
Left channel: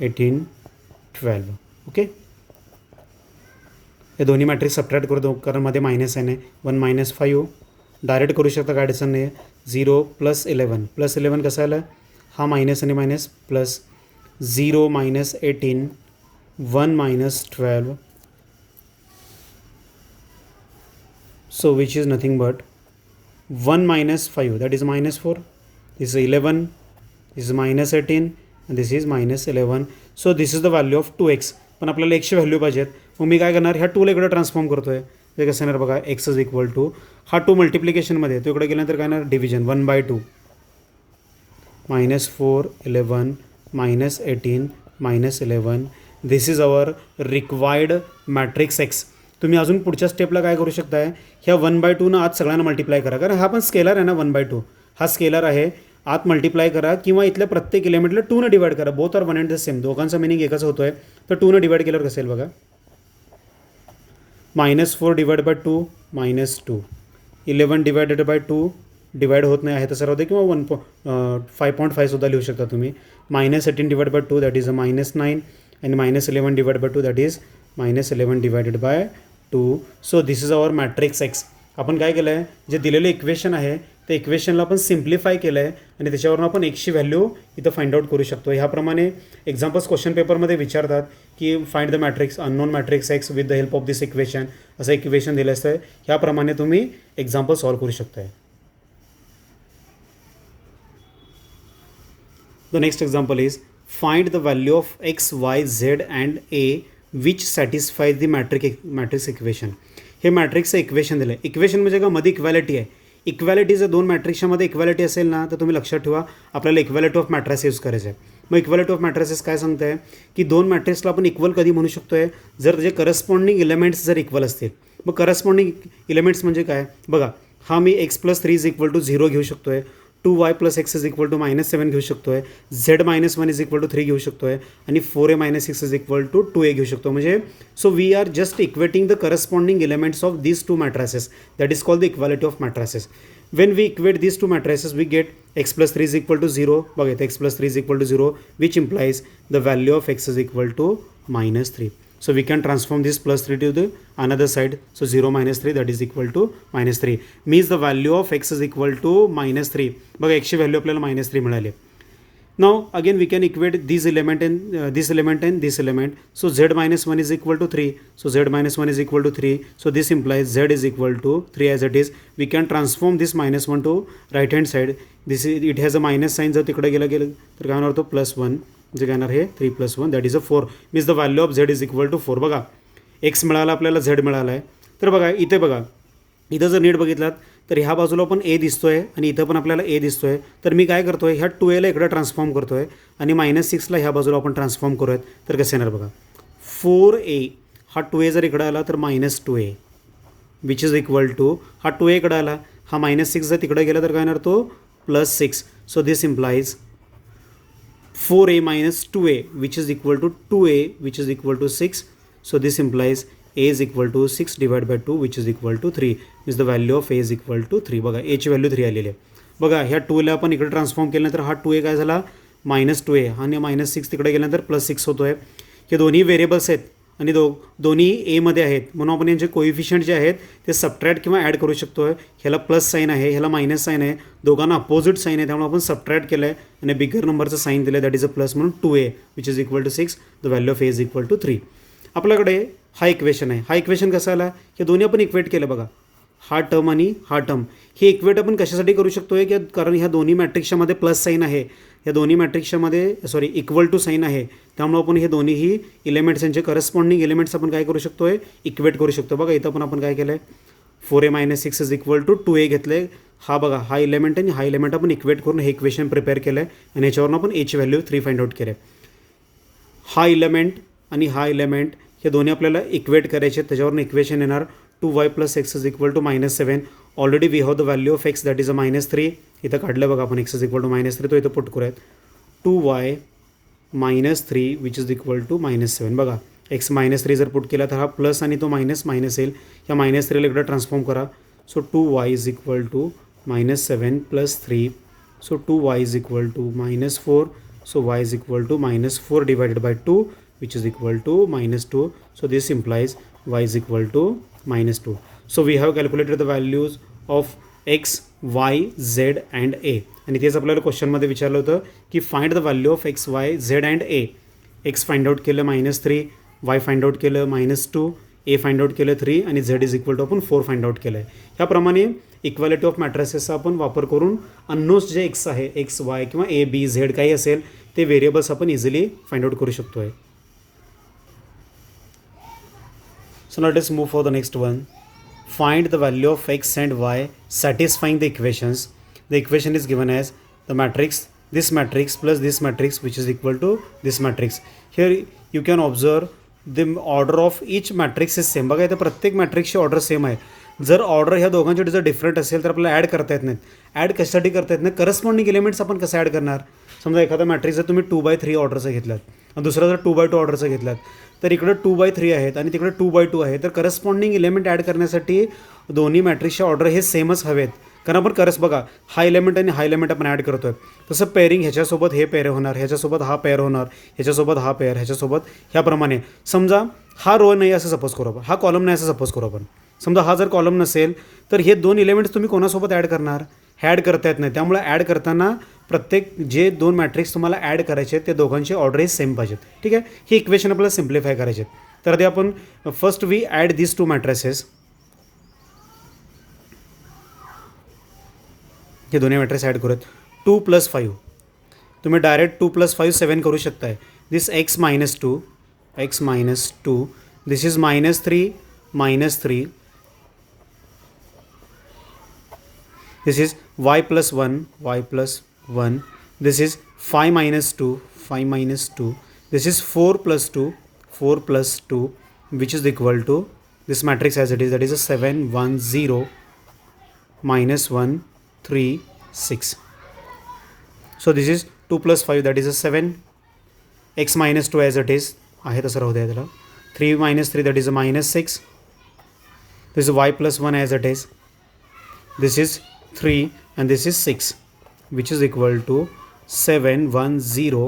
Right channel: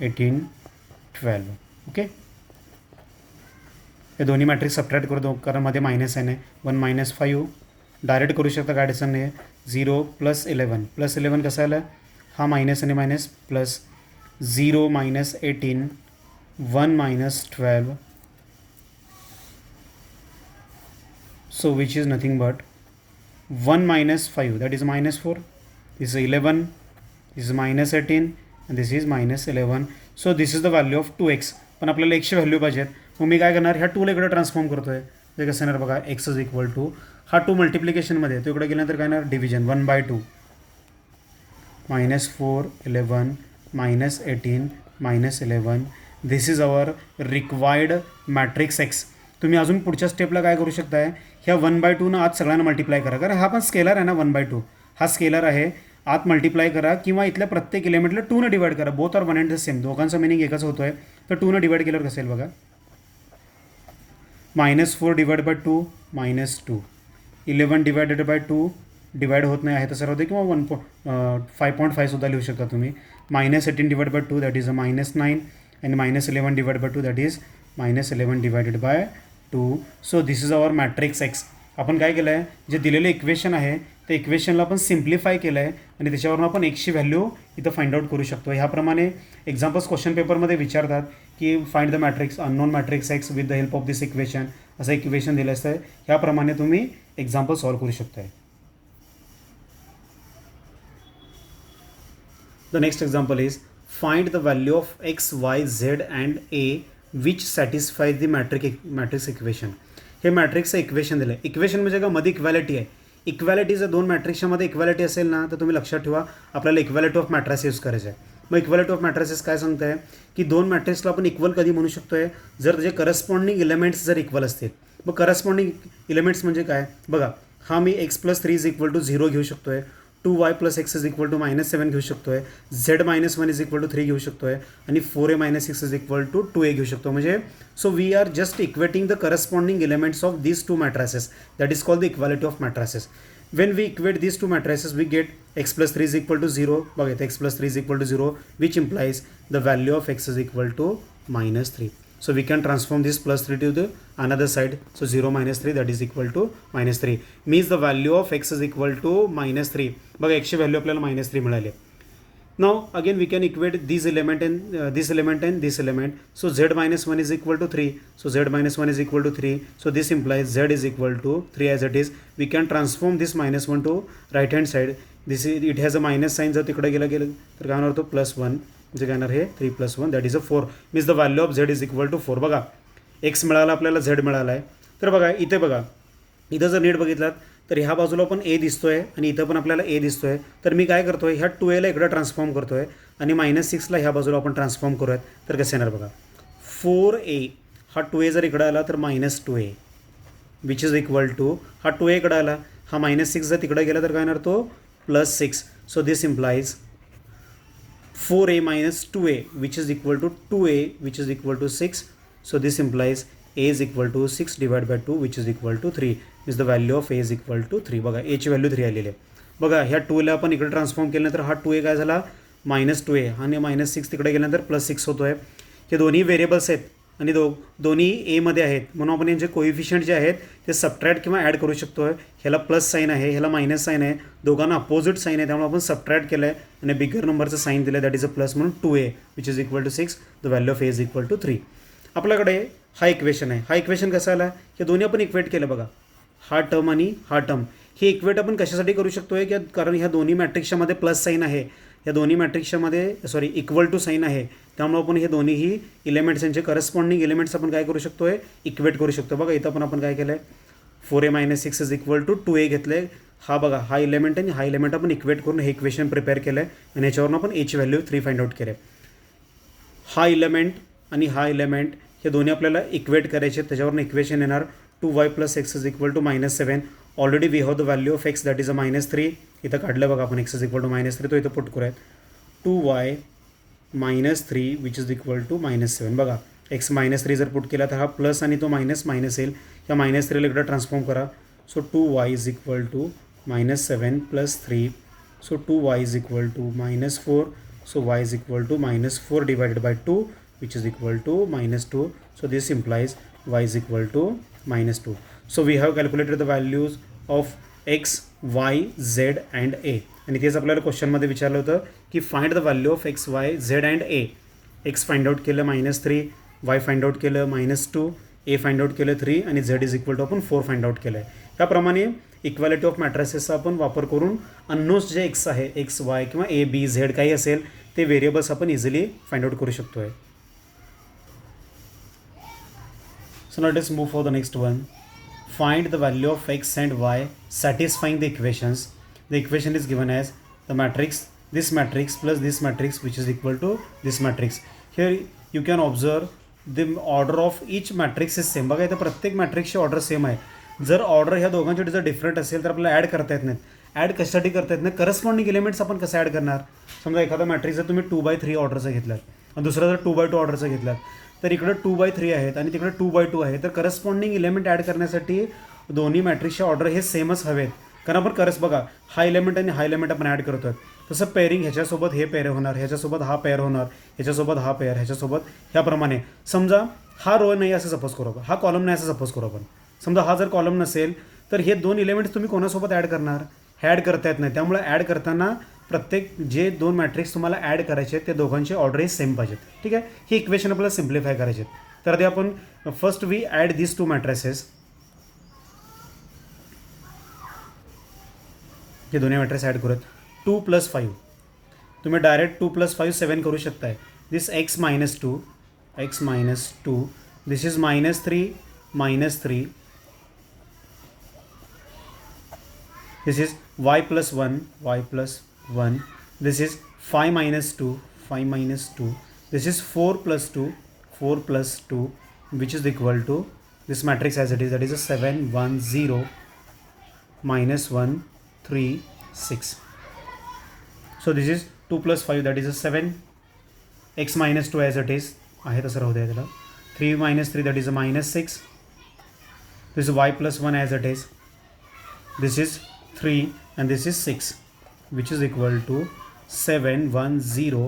18 12. ओके, हे दोन्ही मॅट्रिक्स सबट्रॅक्ट करतो कारण मध्ये मायनस आहे, 1 -5 डायरेक्ट करू शकता, काय अडचण नाही. 0 + 11 + 11 कसं आलं, हा मायनस आणि minus plus 0 -18 1 -12. So which is nothing but 1 - 5 that is -4. This is 11, this is -18 and this is -11. So this is the value of 2x. पण आपल्याला x ची व्हॅल्यू पाहिजेत, मग मी काय करणार, ह्या 2ला इकडे ट्रान्सफॉर्म करतोय. ते कसं येणार बघा, x इज इक्वल टू हा 2 मल्टिप्लिकेशनमध्ये तो इकडे गेल्यानंतर काय येणार, division 1/2 -4 11 -18 -11. This is our required matrix x. तुम्ही अजून पुढच्या स्टेपला काय करू शकताय, ह्या 1/2 आत सगळ्यांना मल्टिप्लाय करा, कारण हा पण स्केलर आहे ना, 1/2 हा स्केलर आहे, आत मल्टिप्लाय करा किंवा इथल्या प्रत्येक एलिमेंटला 2 ने डिवाइड करा. Both are 1 and the same, दोघांचा मिनिंग एकच होतो आहे. तर 2 डिवाइड केल्यावर कसं येईल बघा, -4 divide by 2 -2, 11 divided by 2 divide होत नाही आहे तसं राहू दे, किंवा 5.5 सुद्धा लिहू शकता तुम्ही. -18 divide by 2 that is a -9 आणि -11 divide by 2 that is -11 divided by 2. So this is our matrix x. आपण काय केलं आहे, जे दिलेलं इक्वेशन आहे त्या इक्वेशनला आपण सिम्प्लिफाय केलं आहे आणि त्याच्यावरून आपण एक्सची व्हॅल्यू इथं फाइंड आउट करू शकतो. ह्याप्रमाणे एक्झाम्पल्स क्वेश्चन पेपरमध्ये विचारतात की find the matrix unknown matrix x with the help of this equation, असं इक्वेशन दिलं असतं. ह्याप्रमाणे तुम्ही एक्झाम्पल सॉल्व करू शकता. The next example is find the value of x, y, z and a which satisfies the matrix equation. हे मॅट्रिक्सचं equation दिलं आहे. इक्वेशन म्हणजे का मध्ये इक्वॅलिटी आहे. इक्वॅलिटी जर दोन मॅट्रिक्समध्ये इक्वॅलिटी असेल ना तर तुम्ही लक्षात ठेवा आपल्याला इक्वॅलिटी ऑफ मॅट्रिक्स यूज करायचं आहे. मग इक्वॅलिटी ऑफ मॅट्रिक्स काय सांगतं आहे की दोन मॅट्रिक्सला आपण इक्वल कधी म्हणू शकतो आहे, जर त्याचे करस्पॉन्डिंग एलिमेंट्स जर इक्वल असतील. मग करस्पॉन्डिंग एलिमेंट्स म्हणजे काय बघा, हा मी x+3 = 0 घेऊ शकतो आहे, 2y+x = -7 घेऊ शकतो आहे, z-1 = 3 घेऊ शकतो आहे आणि 4a-6 = 2a घेऊ शकतो. म्हणजे so we are just equating the corresponding elements of these two matrices, that is called the equality of matrices. When we equate these two matrices we get x+3 = 0. बघा इथे x+3 = 0 which implies the value of x is equal to -3. So we can transform this +3 to the another side. So 0 - 3 that is equal to -3 means the value of x is equal to -3. बघा x ची value आपल्याला -3 मिळाली. Now again we can equate these element and this element and this element. So z-1 is equal to 3. So z-1 is equal to 3. So this implies z is equal to 3 as it is. We can transform this -1 to right hand side. This is, it has a minus sign. जर तिकडे गेलं तर काय होणार होतं +1. म्हणजे काय येणार हे 3 + 1 that is a 4. Means the value of z is equal to 4. बघा x मिळाला आपल्याला, z मिळाला आहे. तर बघा इथे बघा, इथं जर नीट बघितलात तर ह्या बाजूला पण a दिसतोय आणि इथं पण आपल्याला a दिसतोय. तर मी काय करतोय, ह्या 2a इकडे ट्रान्सफॉर्म करतोय आणि -6 ह्या बाजूला आपण ट्रान्सफॉर्म करूयात. तर कसं येणार बघा, 4a हा 2a जर इकडे आला तर -2a which is equal to, हा 2a इकडे आला, हा -6 जर तिकडे गेला तर काय येणार तो +6. So this implies 4a - 2a which is equal to 2a which is equal to 6. So this implies a is equal to 6 divided by 2 which is equal to 3. Is the value of a is equal to 3. बघा a ची value 3 आलेली आहे. बघा ह्या 2ला आपण इकडे transform केल्यानंतर हा 2a काय झाला -2a आणि -6 तिकडे गेल्यानंतर +6 होतो आहे. हे दोन्ही व्हेरिएबल्स आहेत आणि दोन्ही एमध्ये आहेत म्हणून आपण यांचे कोइफिशियंट जे आहेत ते सबट्रॅक्ट किंवा ॲड करू शकतो आहे. ह्याला प्लस साईन आहे, ह्याला मायनस साईन आहे, दोघांना अपोजिट साईन आहे, त्यामुळे आपण सबट्रॅक्ट केलं आहे आणि बिगर नंबरचं साईन दिलं आहे दॅट इज अ प्लस म्हणून 2a which is equal to 6. The value of a is equal to 3. आपल्याकडे हा इक्वेशन आहे. हा इक्वेशन कसा आला, हे दोन्ही आपण इक्वेट केलं बघा, हा टर्म आणि हा टर्म. हे इक्वेट आपण कशासाठी करू शकतो आहे की कारण ह्या दोन्ही मॅट्रिक्सच्यामध्ये प्लस साईन आहे, या दोन्ही मॅट्रिक्सच्यामध्ये इक्वल टू साईन आहे, त्यामुळे आपण हे दोन्हीही एलिमेंट्स यांचे करस्पॉन्डिंग एलिमेंट्स आपण काय करू शकतो आहे इक्वेट करू शकतो. बघा इथं पण आपण काय केलं आहे 4a - 6 is equal to 2a घेतलं आहे. हा बघा हा एलिमेंट आणि हा एलिमेंट आपण इक्वेट करून हे इक्वेशन प्रिपेअर केलं आहे आणि याच्यावरून आपण a ची व्हॅल्यू 3 फाइंड आउट केलं आहे. हा एलिमेंट आणि हा एलिमेंट हे दोन्ही आपल्याला इक्वेट करायचे, त्याच्यावरून इक्वेशन येणार 2y + x is equal to -7. Already we have the value of x that is a -3. इथं काढलं बघा आपण x इज इक्वल टू -3, तो इथं पुट करूयात 2y - 3 which is equal to -7. बघा x -3 जर पुट केला तर हा प्लस आणि तो मायनस येईल, या -3ला इकडे ट्रान्सफॉर्म करा. So 2y is equal to -7 + 3. So 2y is equal to -4. So y is equal to -4 divided by 2 which is equal to -2. So this implies y is equal to -2. So we have calculated the values of x, y, z and a. आणि तेच आपल्याला क्वेश्चनमध्ये विचारलं होतं की find the value of x, y, z and a. x find out केलं -3, y find out केलं -2, a find out केलं 3 आणि z इज इक्वल टू आपण 4 फाइंड आउट केलं आहे. ह्याप्रमाणे इक्वॅलिटी ऑफ मॅट्रिसेसचा आपण वापर करून अननोन्स जे x आहे x, y किंवा a, b, z काही असेल ते व्हेरिएबल्स आपण इझिली फाइंड आउट करू शकतो आहे. So now let's move for the next one. Find the value of x and y satisfying the equations. The equation is given as the matrix, this matrix plus this matrix which is equal to this matrix. Here you can observe the order of each matrix is same. बघा इथे प्रत्येक मॅट्रिक्सची order same आहे. जर order ह्या दोघांची जर different असेल तर आपल्याला ॲड करता येत नाहीत. ॲड कशासाठी करता येत नाही, करस्पॉन्डिंग एलिमेंट्स आपण कसं ॲड करणार. समजा एखादा मॅट्रिक्स जर तुम्ही 2/3 ऑर्डरचं घेतलात आणि दुसरा जर 2x2 ऑर्डरचा घेतलात तर इकडं 2x3 आहेत आणि तिकडे 2x2 आहे. तर करस्पॉन्डिंग एलिमेंट ॲड करण्यासाठी दोन्ही मॅट्रिक्सचे ऑर्डर हे सेमच हवेत. कारण आपण बघा हा एलिमेंट आणि हा एलिमेंट आपण ॲड करतोय. तसं पेअरिंग ह्याच्यासोबत हे पेअर होणार, ह्याच्यासोबत हा पेअर होणार, ह्याच्यासोबत हा पेअर, ह्याच्यासोबत ह्याप्रमाणे. समजा हा रो नाही असं सपोज करू आपण, हा कॉलम नाही असं सपोज करू आपण. समजा हा जर कॉलम नसेल तर हे दोन एलिमेंट्स तुम्ही कोणासोबत ॲड करणार? ॲड करता येत नाही. त्यामुळे ॲड करताना प्रत्येक जे दोन मॅट्रिक्स तुम्हाला ॲड करायचे आहेत ते दोघांचे ऑर्डर सेम पाहिजेत. ठीक आहे, ही इक्वेशन आपल्याला सिम्प्लिफाय करायचे आहेत. तर ते आपण first we add this two matrices. हे दोन्ही मॅट्रिक्स ॲड करूयात. 2+5 तुम्ही डायरेक्ट 2+5 7 करू शकताय. दिस x minus 2 this is -3 this is y plus 1 this is 5 minus 2 this is 4 plus 2 which is equal to this matrix as it is, that is a 7 1 0 minus 1 3 6. so this is 2 plus 5 that is a 7, x minus 2 as it is आहे तसं राहू द्या त्याला. 3 minus 3 that is a -6. this is y plus 1 as it is, this is 3 and this is 6 which is equal to 7 1 0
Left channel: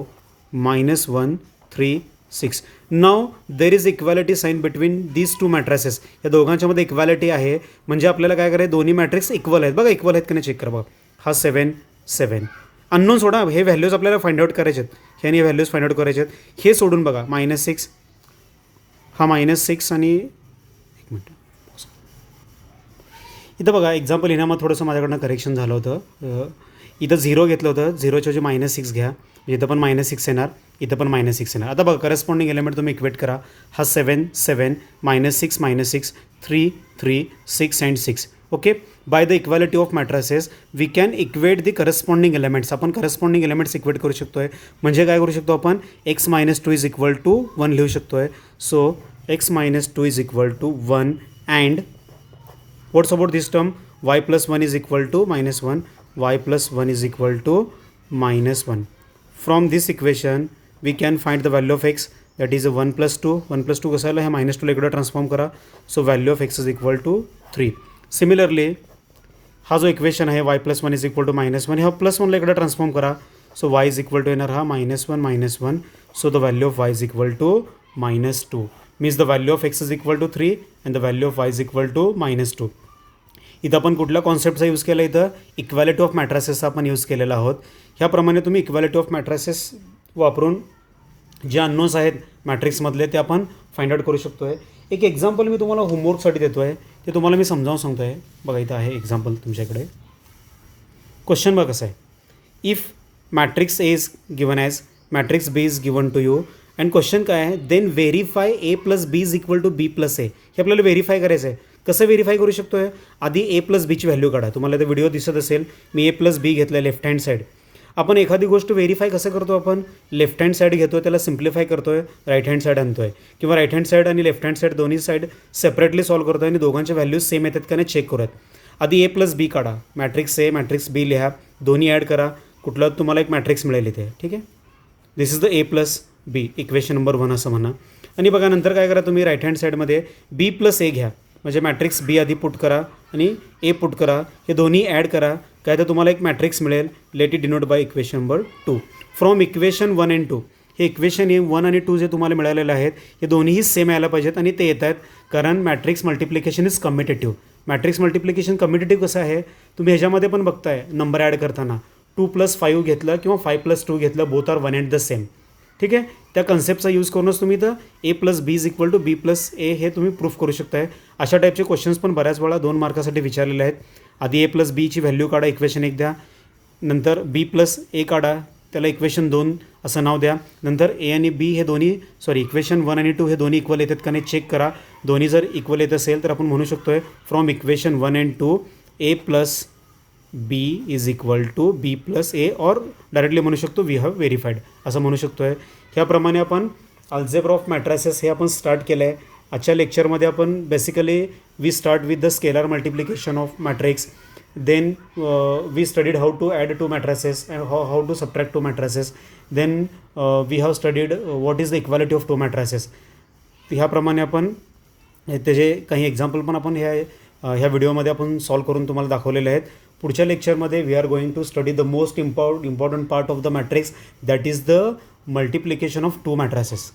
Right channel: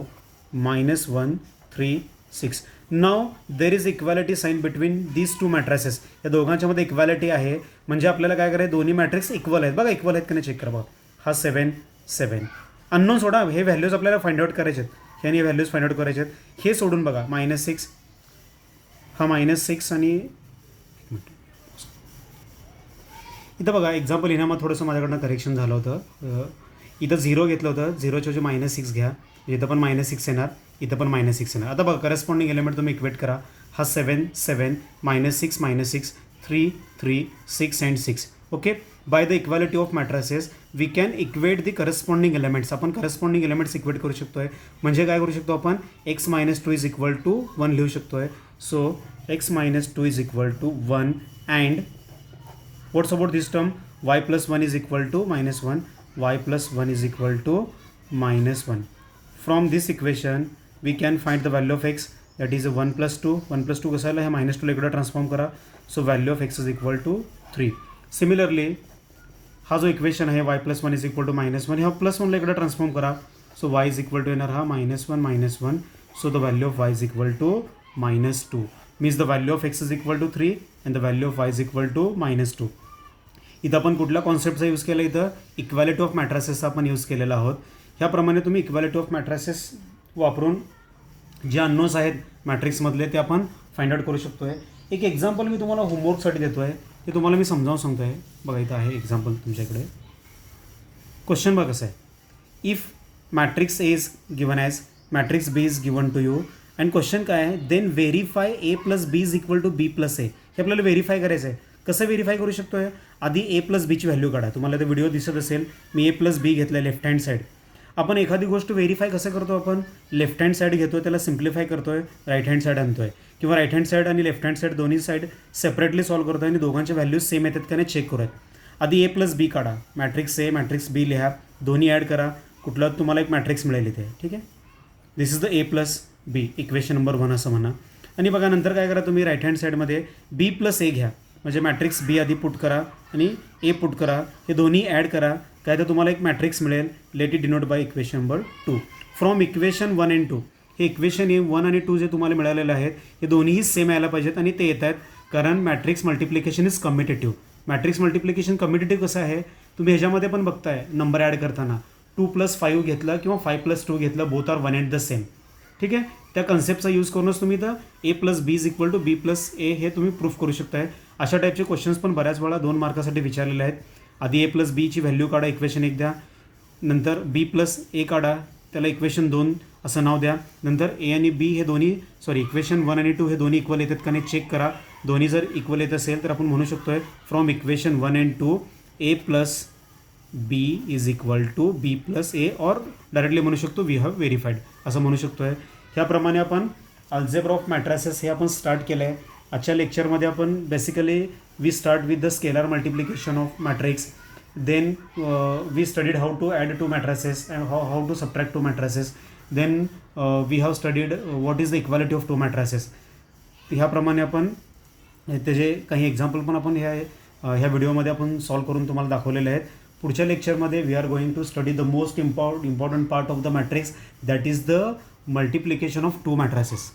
minus 1 3 6. now there is equality sign between these two matrices. या दोघांच्या मध्ये equality आहे म्हणजे आपल्याला काय करायचं, दोन्ही matrix equal आहेत. बघा इक्वल आहेत की नाही चेक करा. बघा हा 7 7 अननोन सोडा, हे व्हॅल्यूज आपल्याला फाइंड आउट करायचे आहेत. ह्याने व्हॅल्यूज फाइंड आउट करायचे आहेत. हे सोडून बघा -6 हा -6 आणि एक मिनिट इथं बघा एक्झाम्पल लिहिण्यामध्ये थोडंसं माझ्याकडनं करेक्शन झालं होतं. इथं 0 घेतलं होतं, 0च्या ऐवजी -6 घ्या. इथं पण -6 येणार, इथं पण -6 येणार. आता बघा करस्पॉन्डिंग एलिमेंट तुम्ही इक्वेट करा. हा 7 7 -6 3 3 6 and 6. Okay, by the equality of matrices we can equate the corresponding elements. आपण करस्पॉन्डिंग एलिमेंट्स इक्वेट करू शकतोय. म्हणजे काय करू शकतो आपण, x minus 2 is equal to 1 लिहू शकतोय. So x minus 2 is equal to 1 and what's about this term, y plus 1 is equal to -1, y plus 1 is equal to -1. From this equation we can find the value of x, that is 1 plus 2. 1 plus 2 कसं आलं, हे -2 ला इकडे transform करा. So value of x is equal to 3. Similarly हा जो equation आहे y plus 1 is equal to -1, हा +1 ला इकडे ट्रान्सफॉर्म करा. So y is equal to येणार हा -1. So the value of y is equal to -2. Means the value of x is equal to 3 and the value of y is equal to -2. इथं आपण कुठल्या कॉन्सेप्टचा use केला, इथं equality of मॅट्रिसेसचा आपण use केलेला आहोत. ह्याप्रमाणे तुम्ही इक्वॅलिटी ऑफ मॅट्रिसेस वापरून जे अननोन्स आहेत मॅट्रिक्समधले ते आपण फाइंड आउट करू शकतो आहे. एक एक्झाम्पल मी तुम्हाला होमवर्कसाठी देतो आहे, ते तुम्हाला मी समजावून सांगतो आहे. बघा इथं आहे एक्झाम्पल तुमच्याकडे. क्वेश्चन बघा कसं आहे, if matrix A is given as matrix B is given to you and question काय आहे, then verify A plus B is equal to B plus A. हे आपल्याला व्हेरीफाय करायचं आहे. कसं व्हेरीफाय करू शकतो आहे, आधी ए प्लस बीची व्हॅल्यू काढा. तुम्हाला ते व्हिडिओ दिसत असेल, मी ए प्लस बी घेतलं लेफ्ट हँड साईड. आपण एखादी गोष्ट व्हेरीफाय कसं करतो, आपण लेफ्ट हँड साईड घेतो, त्याला सिम्प्लिफाय करतो आहे, राईट हँड साईड आणतो आहे, किंवा राईट हँड साईड आणि लेफ्ट हँड साईड दोन्ही साईड सेपरेटली सॉल्व करतो आहे आणि दोघांच्या व्हॅल्यूज सेम येतात का नाही चेक करूयात. आधी ए प्लस बी काढा, मॅट्रिक्स ए मॅट्रिक्स बी लिहा, दोन्ही ॲड करा, कुठलं तुम्हाला एक मॅट्रिक्स मिळेल इथे. ठीक आहे, this is the A plus B, equation number 1 असं म्हणा. आणि बघा नंतर काय करा, तुम्ही राईट हँड साईडमध्ये बी प्लस ए घ्या, म्हणजे मॅट्रिक्स बी आधी पुट करा आणि ए पुट करा, हे दोन्ही ॲड करा, काय तर तुम्हाला एक मॅट्रिक्स मिळेल. Let it denote by equation number 2. From equation 1 and 2, हे इक्वेशन 1 आणि 2 जे तुम्हाला मिळालेले आहेत हे दोन्हीही सेम यायला पाहिजेत आणि ते येत आहेत, कारण matrix multiplication is commutative. Matrix multiplication commutative कसं आहे, तुम्ही ह्याच्यामध्ये पण बघताय नंबर ॲड करताना 2 + 5 घेतलं किंवा 5 + 2 घेतलं, both are 1 and the same. ठीक आहे, त्या कन्सेप्टचा यूज करूनच तुम्ही तर A plus B is equal to B plus A हे तुम्ही प्रूफ करू शकताय. अशा टाईपचे क्वेश्चन्स पण बऱ्याच वेळा 2 मार्कासाठी विचारलेले आहेत. आधी ए प्लस बीची व्हॅल्यू काढा, इक्वेशन 1 द्या, नंतर बी प्लस ए काढा, त्याला इक्वेशन 2 असं नाव द्या, नंतर ए आणि बी हे दोन्ही इक्वेशन 1 आणि 2 हे दोन्ही इक्वल येतात का नाही चेक करा. दोन्ही जर इक्वल येत असेल तर आपण म्हणू शकतो आहे from equation 1 and 2 A plus B is equal to B plus A, और डायरेक्टली म्हणू शकतो वी हॅव व्हेरीफाईड असं म्हणू शकतो आहे. ह्याप्रमाणे आपण अल्जेब्रा ऑफ मॅट्रिसेस हे आपण स्टार्ट केलं आहे. आजच्या लेक्चरमध्ये आपण basically we start with the scalar multiplication of matrix, then we studied how to add two matrices and how to subtract two matrices, then we have studied what is the equality of two matrices. ह्याप्रमाणे आपण त्याचे काही example पण आपण ह्या व्हिडिओमध्ये आपण solve करून तुम्हाला दाखवलेले आहेत. पुढच्या लेक्चरमध्ये we are going to study the most important part of the matrix, that is the multiplication of two matrices.